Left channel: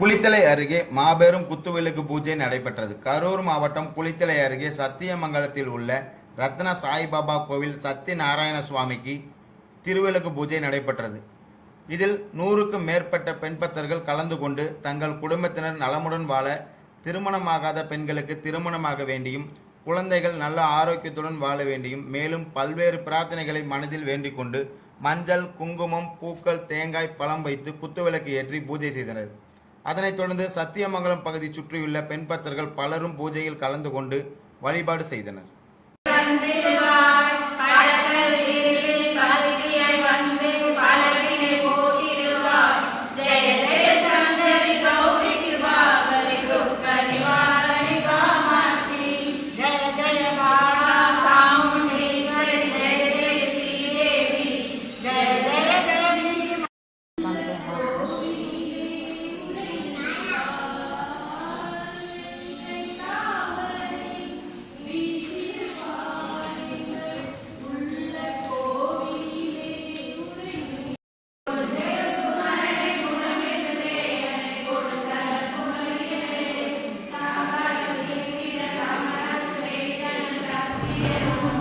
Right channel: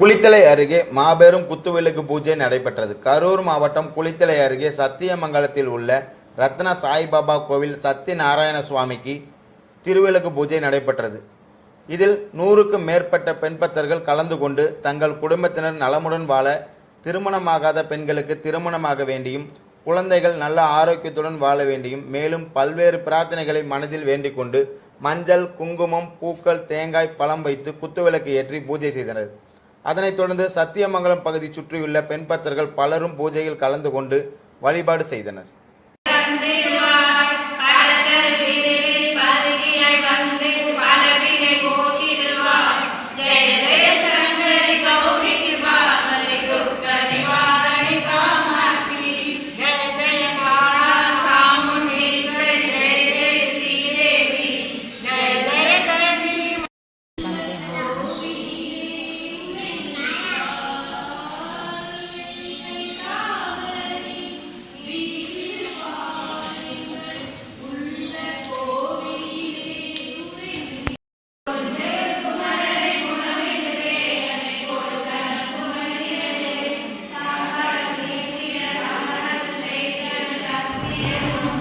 குளித்தலை அருகே மாபெரும் குத்துவிளக்கு பூஜை நடைபெற்றது. கரூர் மாவட்டம் குளித்தலை அருகே சத்தியமங்கலத்தில் உள்ள ரத்ன சாய்பாபா கோவில் சத்யநாராயண சுவாமிக்கு திருவிளக்கு பூஜை நடைபெற்றது. இதில் நூறுக்கும் மேற்பட்ட பெண்பத்தர்கள் கலந்து கொண்டு தங்கள் குடும்பத்தினர் நலமுடன் வாழ திருமணமாகாத பெண்களுக்கு திருமணமாக வேண்டியும் குழந்தைகள் நல்ல ஆரோக்கியத்துடன் வாழ வேண்டியும் மேலும் பல்வேறு பிரார்த்தனைகளை மனதில் வேண்டிக் கொண்டு மஞ்சள் குங்குமம் பூக்கள் தேங்காய் பழம் வைத்து குத்துவிளக்கு ஏற்றி பூஜை செய்தனர். அதனைத் தொடர்ந்து சத்தியமங்கலம் பகுதி சுற்றியுள்ள பெண் பக்தர்கள் பலரும் பூஜையில் கலந்து கொண்டு வழிபாடு செய்தனர். Yeah.